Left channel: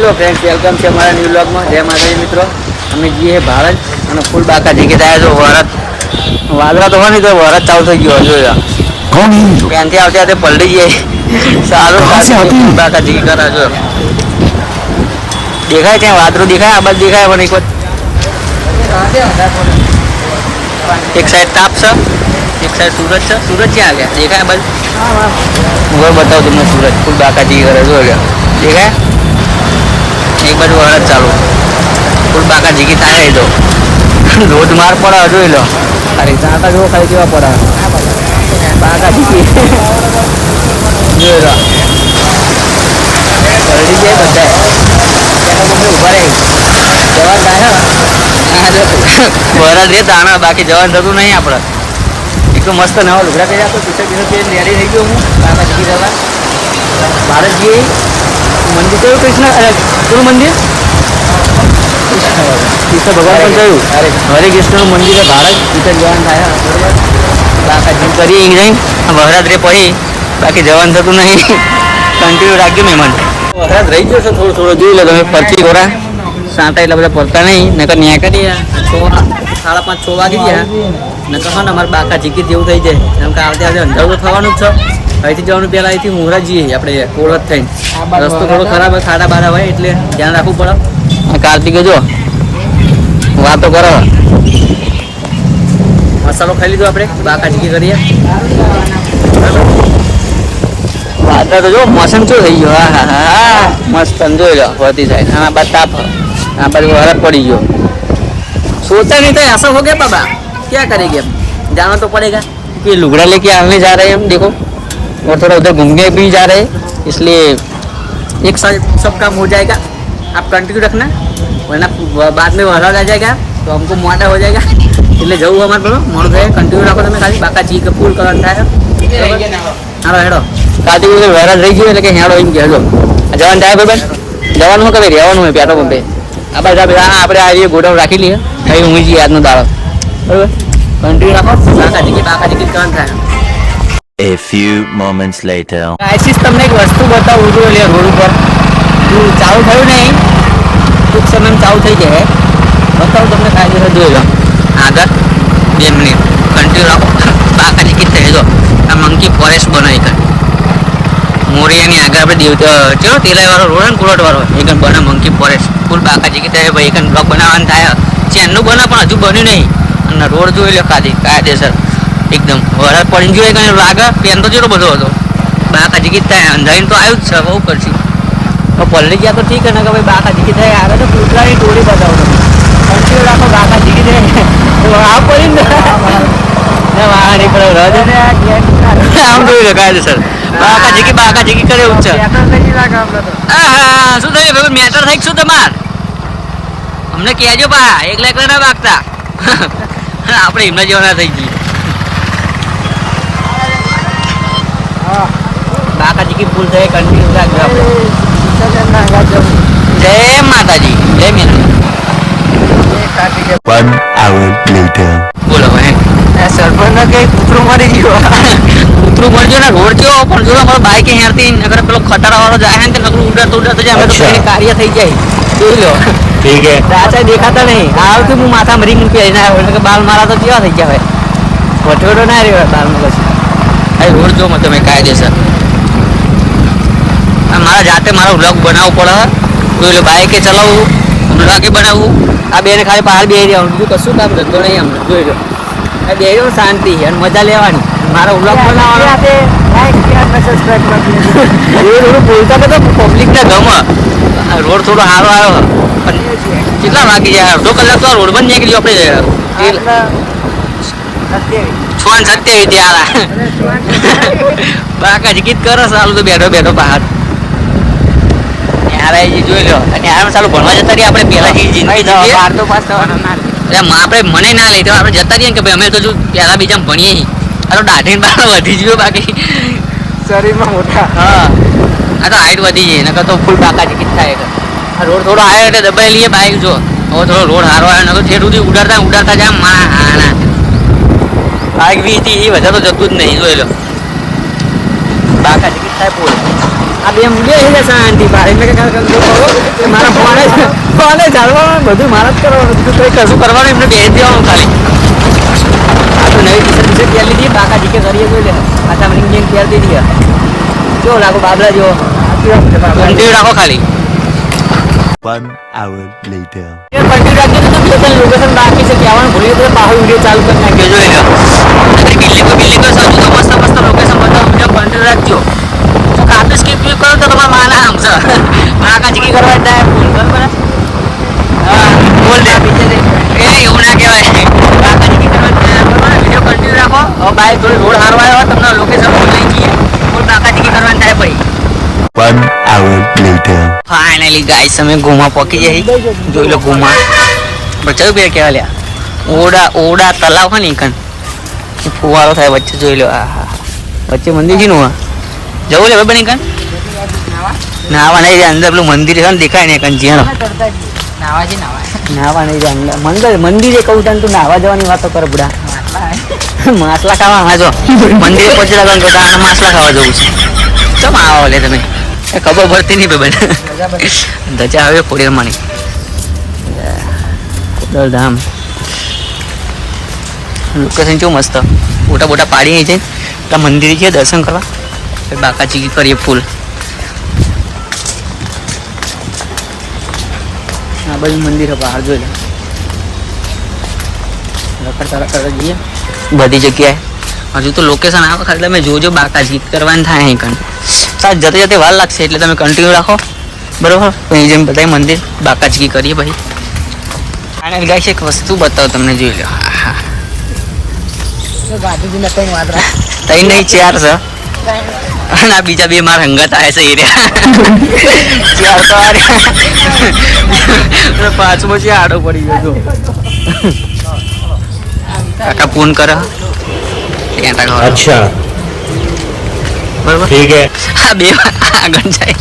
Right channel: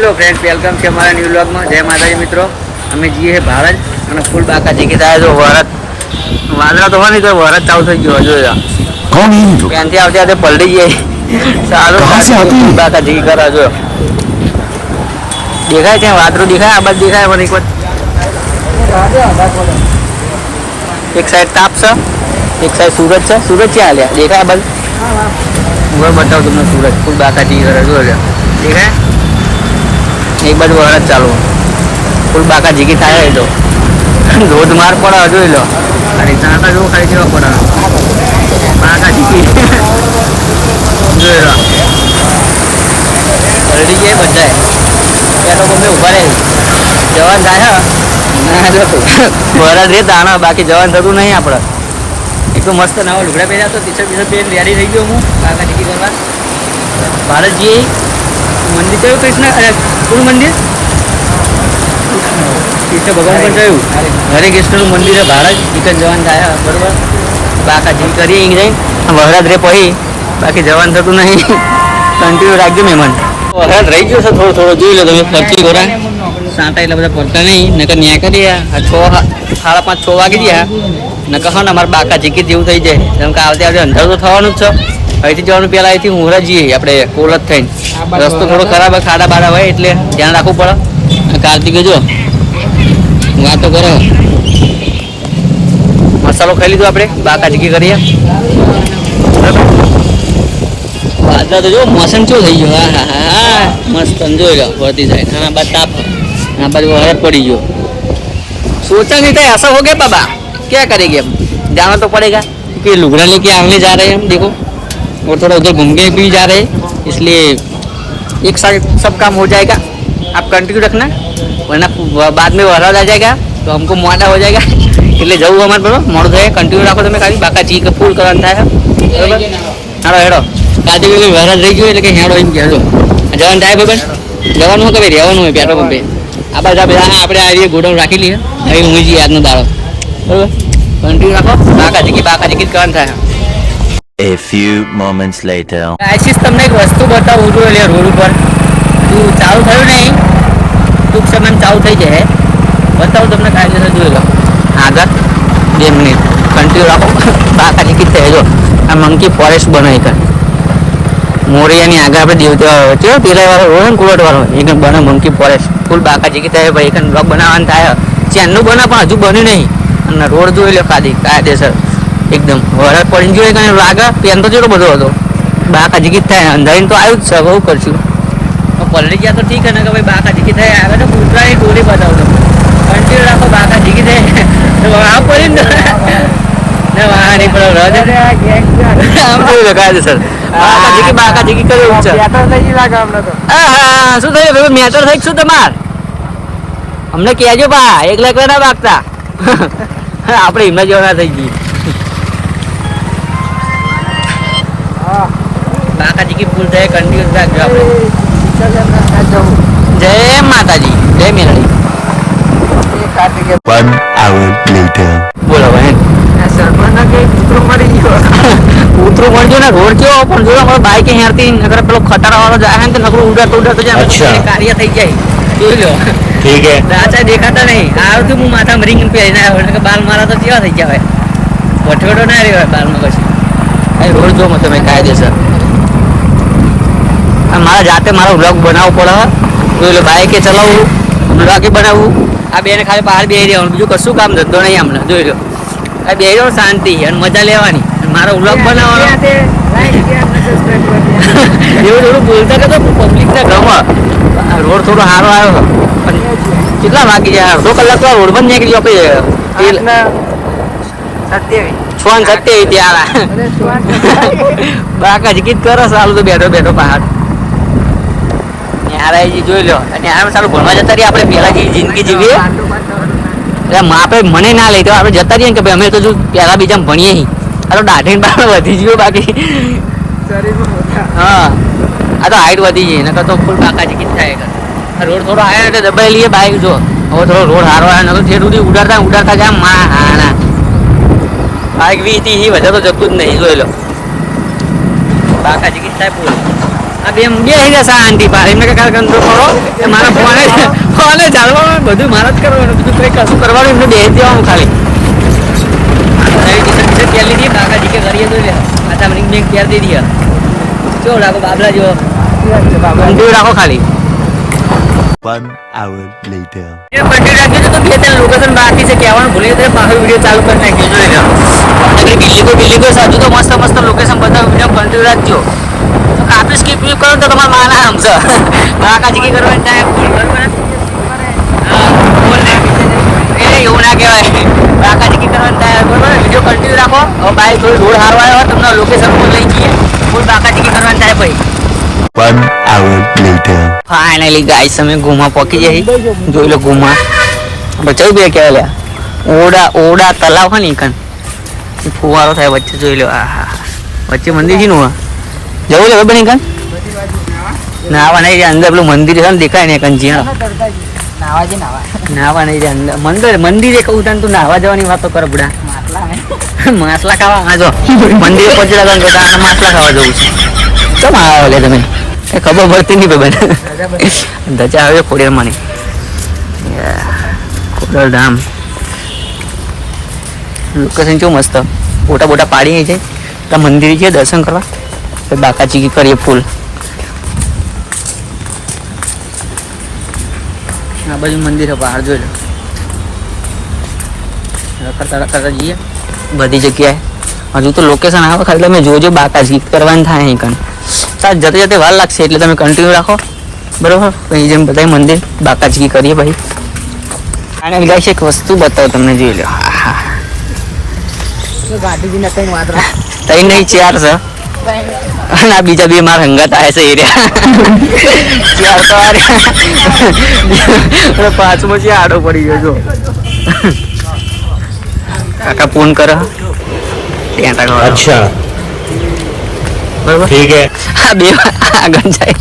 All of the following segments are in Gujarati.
હેલો ફ્રેન્ડ્સ, વેલકમ છે અમારા ન્યૂ વ્લોગમાં. જય માતાજી મિત્રો. અમે જઈએ છીએ ભારત અને ફૂલ બાકા જીકી થાય. જો વરત વાદળા તો હોય ને તો વરત ચાલુ થઈ ગયો. જોયા ત્યાંથી આવતી આવતે પલટી જઈએ. સારું બાકા જીકી કરે. જો દેખાય ત્યાં વાદળું દેખાય, આ બાજુ દેખાય પણ એક સાઈડ તાપ છે, એક સાઈડ સુરત છે. સુરત ક્યાં આવ્યા દેખાય? આ બાજુ હું બતાવું તમને સુરત ફૂલ બાકા જીકી કરે. જો દેખાય એક બાજુ વરસ ચાલુ ફૂલ બાકા જીકી થાય. એ તો ધોધમાર પડે. જોઈ લો ખાલી ચાંટા જો ખાલી કેવા પડે બાકા જીકી. જોઈ લો પલટી જાય બધાય. ત્યાં તો મમ્મી ઉભા રહી જવાન થાય વરસ રે તાણા, બાકી જવાન થતું નહીં આપણે. એક તો મસ્ત નવા લુગડા પહેર્યા તો ટી-શર્ટ પહેરીને રેડી થઈ ગયો હું બાકા જીકી કરવા. ભારત જઈએ મંદિર કયું? કૃષ્ણ કયું મંદિર? કૃષ્ણ ભગવાન પણ કયું? હરે કૃષ્ણનું મંદિર છે ભારત. રિટર્ન જવાન થાય બરોબર. બાકા જીમ કરીએ નહીં વરસાદ રે પછી, બાકી જવાન થતું નહીં. કન્ટિન્યુ રાખજો મહેમાન. વરસાદ રહી ગયો છે થોડો થોડો. જોઈ લો તમે ફરતી ખોરા સાંટા એટલા બધા ફરતા નહીં. નકર ન્યા કરીએ 5:30 6 વાગી ગયા. નકર હા ને અમારે બાકા જીકી જેવું થઈ જાય. જેમ કે આવતે આવતે અંધારું તો થવાનું જ છે. અહીંથી જવાનું પહેલાં અહીંથી ઊંઘરા જઈએ આપણે કોલત થઈને. રસ્તો થોડો ખરાબ હોય, ખાડા બાડા હોય એટલે ધ્યાન રાખવું પડે. કાર્તિકે જો વાતો કરો. મસાલો ખાઈ લીધો આપણે, બાકા જીકી કરીએ. વાદળા તો જો મોસમ શું થઈ ગયો. હા હા હા મસ્ત જોઈ લો ફરતી સાઈડ. હા બાદ તાપ, આ બાજુ વરસ પડી ગયો. सोचा नहीं था ऐसा हो गया बाबा, क्या करेंगे अब, जाना तो पड़ेगा क्योंकि लुगड़ा लेके आने जा रहे हैं हम. देखो और थोड़ा उधर घूमने भी जा रहे हैं, इसलिए एक साथ सब काम हो जाएगा. आप कंटिन्यू रखना वरना बाद में वरसाद आ जाएगा तो हमको मोटा हो जाएगा. એટલે જવું અમારે બરોબર મોડું થાય. કન્ટિન્યુ રાખો તમે ખાલી બાકા જી કે ફૂલ કરવાનું થાય બરોબર. હાલો હેડો કાતી કોઈ વરસાદ રહી ગયો એટલે કે હેડો એમ કહેજો. જવાનું થાય ભાઈ જવાનું હોય કે ભાઈ રહેવાનું હોય પેટ્રોલ પંપે. આ બાજુ આપણે આ ગોડાઉન રાખી લઈએ. અહીં હું જઈએ આજનો દાડો બરોબર. કન્ટિન્યુ રાખો બાકા જીકી કરવાનું થાય. A few moments later. આશીષ તમને એક વસ્તુ બતાવું છું. એટલે રોડ ઉપર ચાલુ થયું નહીં, ટૂંક સમય ચાલુ થઈ જાય. બતાવું તમને કાયદેસર. જોઈ લો આગળ 2 મિનિટ કન્ટિન્યુ રાખો બાકા જીકી થઈ. જો આ મંકી ફોરેસ્ટ બનાવી કર મોરિયાની આગળ આપણે દેવતા ચલો તેલાવાળો રોડ ને કુલટવાળો એક બને મંકી ફોરેસ્ટ ફૂલ બાકા જીકી થાય. ભાઈ એક બ્લોક બનાવવાનું થાય. ચેનનું બને પણ હજુ બન્યું નહીં. અને રોડ જોઈ લો ખાલી કાયદેસર એકદમ. વરસાદ પડીને જોઈએ કઈ લાગે પેન તો જેટલો બધો હતો. બાકા જીકી થાય અંધારીને તો આવ્યું જ છે. બહુ કરશું પલ્લી ગયા તો ઠીક ને કે ભાઈ બાકા જીકી થાય. આગળ તો કૂતરાની ટોળી બતાવો તમે. કન્ટિન્યુ રાખો બાકા જીકી થાય. આવ પડી ને વાહ નીકળો રજ આમ જોઈ લો કાયદેસર બાકા જીકી કરે એવું છે. હા શું થયું ભાઈ મેટર થઈ શું તમાર અમને કહેજો બા. એકલા ના બાગતા આપણે એમના જેવા ના થઈ ગઈ. બાકા જીકી ફૂલ થાય. કન્ટિન્યુ રાખજો આપણે. જય માતાજી, જય મેલડી. 1 hour later. બોલો ભાઈ સરપંચ ને કઈ કૂતરું મરી ગયો. કૂતરું મરજો ને રોડ કેવો પણ જો અમારો બાઈક હેરતી નગર પેલો ખટારા વાળો જાય ને નકરું ઉડતો જાય કાર્ય થઈ જાય. જોઈ લો ठीक है. રાચા દેખાતા નહીં. આવતું હું માથા મરી મૂકી આવી કે બાલ મારા તો કેવા થઈ ગયા ભાઈ. વઠોડો ના રહ્યો બાલમાં પછી. કઈ રોડ જો તમે કાયદેસર. મારા જાતે મારો વ્લોગ બનાવવો પડે. જોઈ લો બાઈકે ચલાવવું, વ્લોગે બનાવવું. આ બેને ખાલી બહાર બેસી રહેવાનું, બીજું કશું કામ થતો નહીં અમને. જોઈ લો આ બેસી રહ્યો શાંતિ અને મજા લેવાની. મારો વ્લોગ બનાવવાનો એવું થોડું બોલતા તો પબ્લિકને ગમે. રોડ થોડો સારો આવ્યો પણ કેટલા વાગી જાય? અડધો કલાક તો આ રોડ પર નીકળી આપણે 6:27 ત્યાં બાકા જીકીત કરો. સારું તો બેઠો બેઠો પહાડ ન્યારાજી જોઈ લો. ન્યારામાં સારું ભણવા જતા રહીએ આપણે. પહેલા જે જિંદગી જીવીએ આપણે મને ના લઈ તો આપણે જતા રહીએ કે ભાઈ અમે તો જો પહેલા બીજા ભણીએ. આ તો દાઢીને બાર વધી ગયો બાકી શરીરમાં મોટા. હા આ તો હાઈટ વધી જાય નકર તો ફૂલ બાકા જીકીત થાય. રોડ થોડો આવ્યો એટલે દબાઈ લઈએ બાઈક. જો હવે થોડો રોડ સારો આવ્યો નકર ઠેર સુધી ઉડાડતા જાય મા હાના. બાઈક 20-30 વધારે તો જતું જ નહીં. જોઈ લો બાકા જીકીત થાય ફૂલ. આ બે થઈ ગયા શાંતિ પાડી મેં કાલ કંટ્રો કરો મારા ફોને ચાલવાનું બધું મારા જ કરવાનું બીજું કંઈ કશું કરવાનું એમને બેસી દેવાનું ખાલી નવી ટી-શર્ટ પહેરી લીધી કાકા જીકે કરીએ તો લે પાછા મને બેંક પહેરી દીધી જો રાખો બાબરા જો કન્ટિન્યુ રાખો ખાલી 1 hour later. એ કન્ટિન્યુ રાખજો તો બે ત્રણ લોકેશન બાકી છે કહેવાનું ભૂલી તો બહાર વિડીયો ચાલુ કરી નાખી જોઈ લો બિલ્લી કોઈ સાચું તો મસ્ત મસ્ત લોકેશન બધા વિડીયો કન્ટિન્યુ રાખજો તો કાપી સ્કીપ કરો તો તમારા માના સમજો કાકા જીકી કરવા બરોબર બોલ દે એવું ના કહેવાય કાકા જીકી કરવા બરોબર વિડીયો કન્ટિન્યુ રાખો હવે બાઈક થોડી રોડ હારો આવ્યો તમને લોકેશન ફૂલ કાકા જીકી કરવા થાય ભાઈ 1 hour later. ફાઇનલી ગાઈસ અમે ગુમા પહોંચી જઈ જોઈ લો ગુમા બચાવી બે ક્યાં લે ઓડા તલાવ હોય ને કન ફુવારો થાય વચ્ચે જોઈ લો આહા વચ્ચે મંદિર છે નું જવું લે બની કન નાવા નહીં અંદર પેલું મંદિર છે ને દેખાય ને કન જીમ નાવા નહીં અંદર મંદિરે કહું તને તું નાવા જવાની વાતો કર બુડા માસલા ખાવા જો મંદિરે પહોંચી લાગવાનું તો તારા માસલા ખાવા જવું છે કેમ આવો લે તમે ખબર પડતી નહીં ભાઈ ધજા આવે ખોડિયાર માની ખોડલ ધામ લોકેશન કેવું મસ્ત ફોટા બોટા પાડી છે ત્યાં મંદિર છે દર્શન કરવા બાકાજી કરીએ ફૂલ આ બાજુ મંદિર બહાર જોઈ લો રખડતા જઈએ બધી જગ્યાએ હજુ તો લોકેશન આવે ખાલી તમે જોજો બાકાજી કરવાની થાય અહીં કન સાત જતે જતે વાર લાગશે એટલે તમે કન્ટિન્યુ રાખો બરોબર પછી જેમ બધા મંદિર બાકાજી કરીએ ભાઈ અને ગાઈસ એક વસ્તુ બતાવો તમને જોઈ લો હા તઈ નહીં ચાર છે અને આ બીજા બે મારા હંગાત આવે છે એરિયા ચાર તો પાંચમો છે આડો પડી ગયો જો કાકા ફોન કરો अच्छा બરોબર ठीक है. હા બે આગળ જાય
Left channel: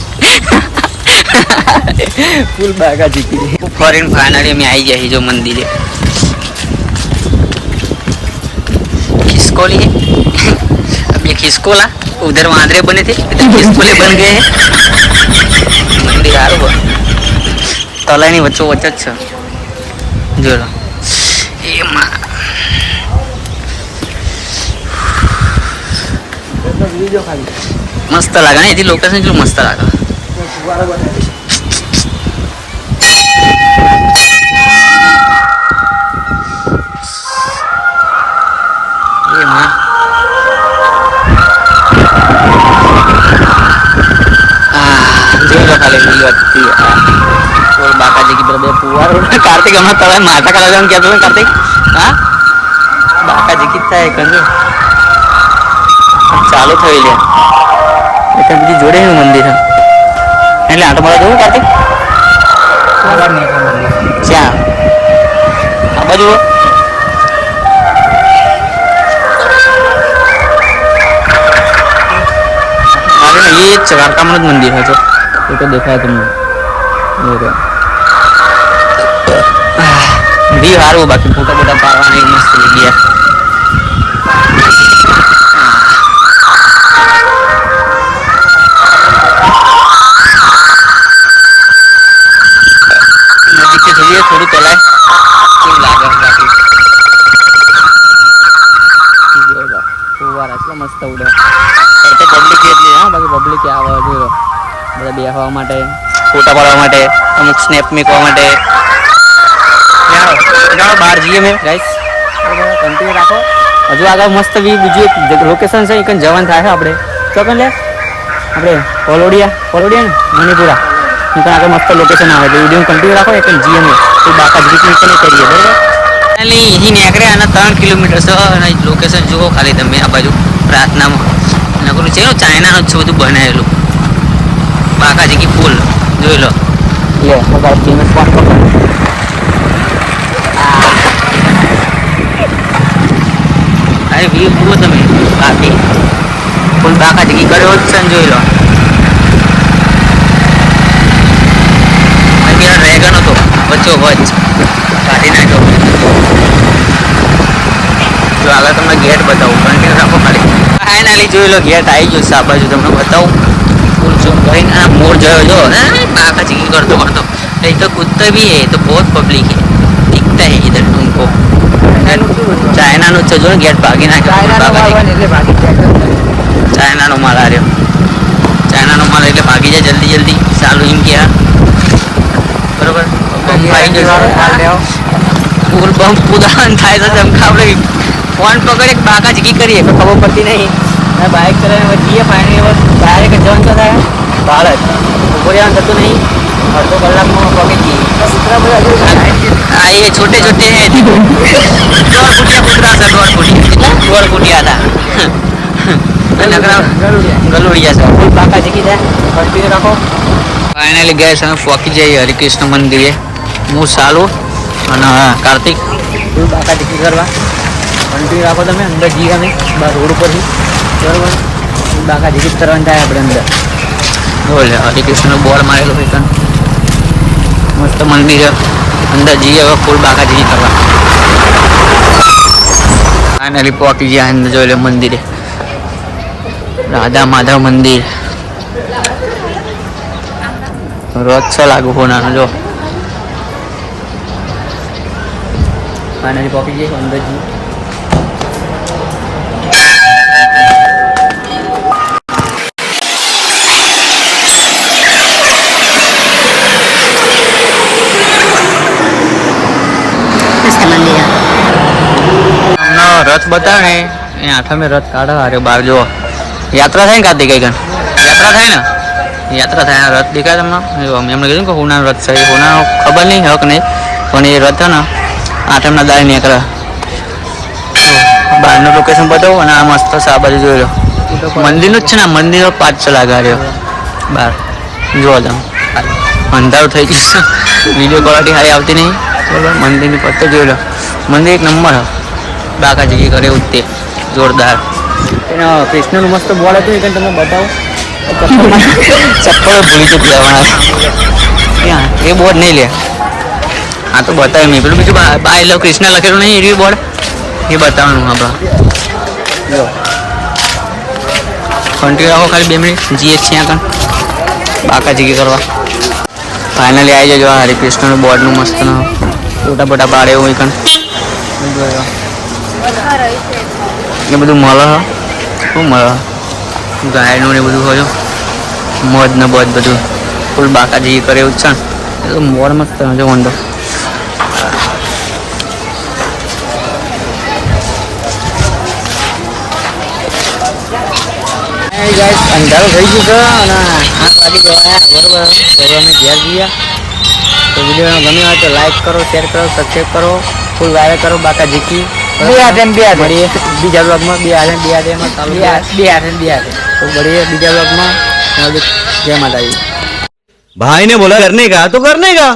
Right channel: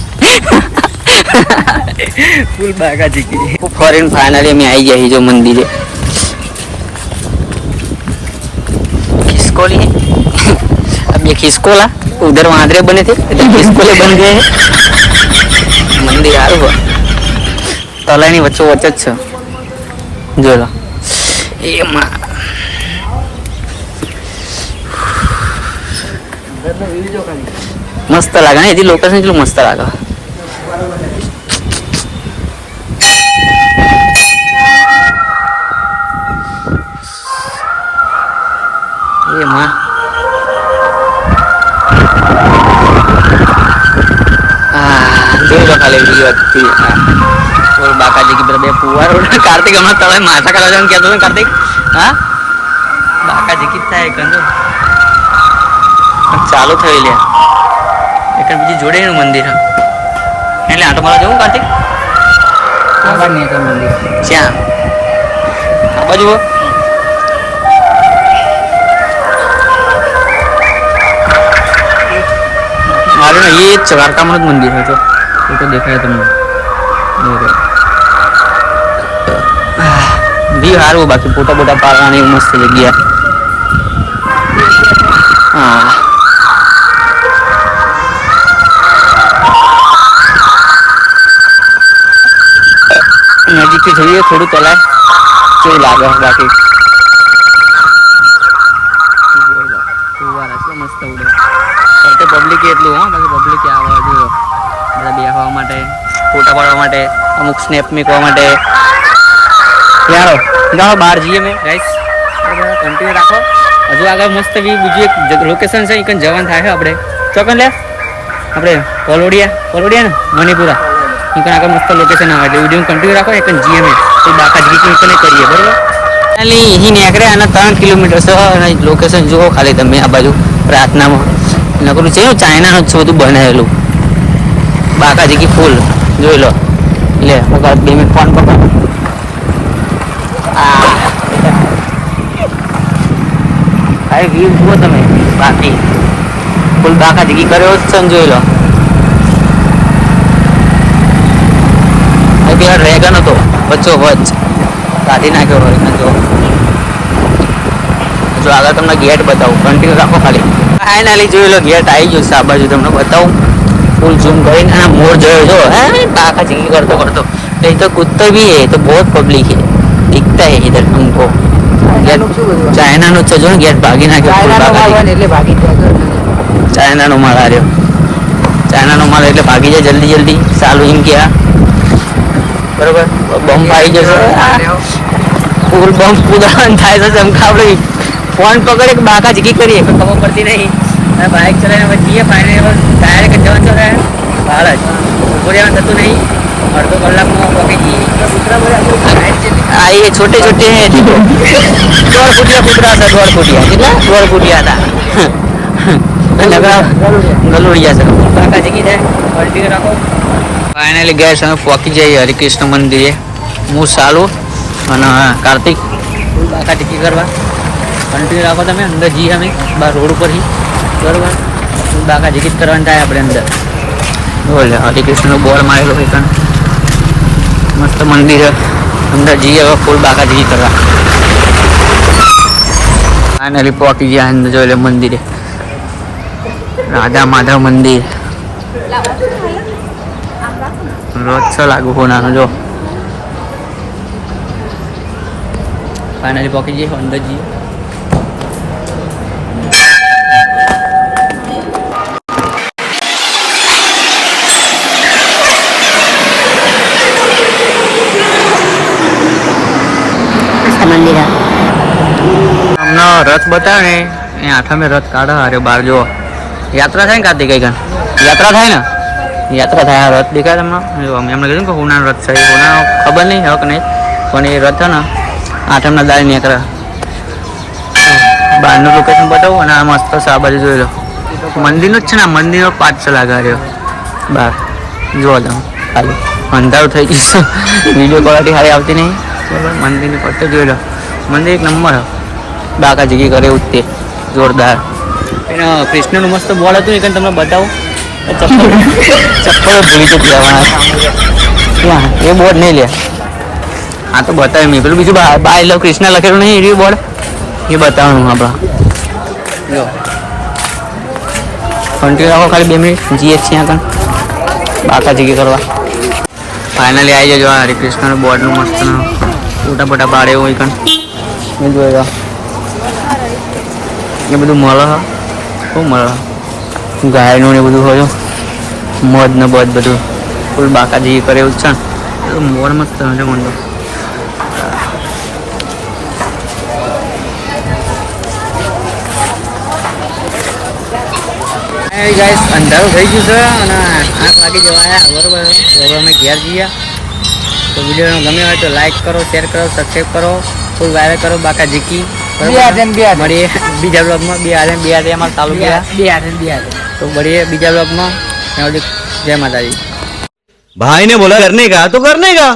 ફૂલ બાગા જીકી ફોરેન फाइनली में आई जाए जो मंदिर है खिसकोली है अब ये खिसकोला उधर वांदरे बने थे खिसकोले बन गए हैं तलानी वच्चो वच्च જ છે જો એ માં મસ્ત લાગે ને એથી લોકેશન કેટલું મસ્ત લાગે એમાં જોઈ લો ખાલી હતી ઓર બાકાજી કી બે પુવાર કાર્તિક હમણાં તમે માથા કરા જવાનું કહેતો ને કાર્તિક હા બાકાજી કી થાય કંગે ચાલુ થઈ લે એટલે બીજું જોડેનું મંદિર છે એટલે આટો મારા જવું કાર્તિક ક્યાં આ બાજુ મારે ને એ જ છે દ્વારકામાં જ મંદિર છે એ તો દેખાય તમને વ્યૂ સારું બાકી ફોટા બોટા પાડવાની મસ્ત જગ્યા હા નજીકથી જોઈએ થોડું ચલાય કેવું લાગે બાકી ફુવારા એટલા મસ્ત ઉડે કરતે પબ્લિક એટલી હા બાકી પબ્લિક આવે જોયો બધા બેસવા માટે ફોટા પાડવા માટે અમુક સ્નેપ મૂકવા માટે જાણો બહાર જઈએ મેં ગાઈસ બરાબર કન્ટિન્યુ રાખો હજુ આગળ મસ્ત બીજું એક લોકેશન છે એક જવાન થાય છે આપણે ચોકન લે આપણે પલોડિયા ને મણિપુરા આગળ મસ્ત લોકેશન આવે એટલે વિડીયો કન્ટિન્યુ રાખો એક જીએમએ એ બાકા જીકી કરીએ બરાબર એટલે અહીં નીકળે અને 3 કિલોમીટર છે અને લોકેશન જુઓ ખાલી તમે આ બાજુ રાતનામાં નકરું છે ચાઇનાનું જ બધું બનાવેલું બાકા જીકી ફૂલ જોઈ લો અરે વ્યૂ જુઓ તમે બાકી ફૂલ બાકા જીકી કર્યો જ છે ને જોઈ લો પેલા ડ્રેગન હતો વચ્ચો વચ્ચ કાઢી નાખ્યો હોય જો આગળ તમને ગેટ બતાવું કન્ટિન્યુ રાખો ખાલી ફાઇનલી જોઈ લો ગેટ આવી ગયો છે આ બાજુ તમને બતાવું फुल जिम કરીને मोर जो जो बाका चीज करतो करतो तो इधर कुत्ते भी है तो बहुत पब्लिक है दिखता है इधर हमको चाइना નો ચજો ગેટ ભાગી ના ફૂલ બાકા એટલે ભાગી જાય ચાઇના નો માલ આવ્યો ચાઇના નો માલ એટલે ભાગી જાય જલ્દી જલ્દી ચાલુ ઇન ગયા બરોબર બમ મારી ગયો ફૂલ બમ કુદાન થાય તો ચમકાવડે ફોન પકડે કે બાકા ચીકી કરીએ તો ખબર પડતી નહીં અને બાઇક ચલાવીને જઈએ ફાઇનલી ડાયરેક્ટ જવાનું તો થાય બહાર જ ઉભો રહેવાનું થતું નહીં अर्धो कलाक में पहुंची हाँ ये छोटे छोटे हैं 2 फुटिया कुतरा था 2 फुटिया था गलुड़िया से बाका चीकी जाए कंटिन्यू रखो फाइनली गए समय पहुंची जाइए हरिकृष्ण मंदिर હું ચાલુ અને કાર્તિક ફૂલ બાકા ચીકી કરવા કન્ટિન્યુ રાખો તમે અંદર જઈએ અમે બહાર રોડ ઉપરથી બરાબર ફૂલ બાકા ચીકી કરવાની થાય આપણે અંદર બોલે હરિકૃષ્ણનું બોર્ડ મારેલું હોય કાન મસ્ત મંદિર અંદર જઈએ હવે ફૂલ બાકા ચીકી કરવા ફાઇનલી પહોંચી ગયા અંદર જોઈ લે મંદિરે રાધા માધવ મંદિર રોજ છ લાગુ હોનાનો જો फाइनली पहुंच गए अंदर जी मंदिर हमने रथ बताया ने आठा में रथ काढ़ा अरे बार जो यात्रा था का कई गन यात्रा था ना यात्रा था रथ दिखाया तुमने हमने कही कि होना रथ सही होना खबर नहीं है कि नहीं पण ये रथ है ना આઠમના દાડે નીકળે બહારનું લોકેશન બતાવું અને આ મસ્ત છે આ બાજુ જોઈ લો મંદિરનું જ છે ને મંદિરનો પાછ છે લાગાડ્યો બહાર જોવો તમે ખાલી અંધારું થઈ ગયું વિડીયો ક્વોલિટી સારી આવતી નહીં બરાબર મંદિરની પત્તે જોઈ લો મંદિર એક નંબર બાકા જગ્યા કરે એવું જ તે જોરદાર એને કૃષ્ણનું મસ્ત બોલ હતું એ તમને બતાવું ચપ્પલ ભૂલી ચૂકી જવાના ક્યાં એ બોર્ડ નહીં લે हाँ तो बताए मैं पेलू बीजू बाय लव कृष्ण लखेलू नहीं एरियो बोर्ड ये बतावવાનું આપણા જો કંટિન્યુ રાખો ખાલી 2 મિનિટ જીએ છીએ આગળ બાકા ચીકી કરવા ફાઇનલી આવી જજો હરિકૃષ્ણનું બોર્ડનું મસ્ત ફોટા ફોટા પાડે એવું કણ જોયો એ બધું મળે શું મળે ગાયનું ને બધું હોય મધ ને બધ બધું ફૂલ બાકા ચીકી કરે એવું છે ને એ મોર મસ્ત જો વંડો ગાઈસ અંધારું થઈ ગયું છે અને 8 વાગે જવા આવ્યા બરોબર હવે અમે ઘેર જઈએ તો વિડીયો ગમ્યો હોય તો લાઈક કરો શેર કરો સબસ્ક્રાઈબ કરો ફૂલ વાયરલ કરો બાકા જીકી બરાબર મળીએ બીજા બ્લોગમાં બે હાથે એમાં ચાલુ ગયા તો મળીએ બીજા બ્લોગમાં જય માતાજી भाई ने बोला करने का तो करने का।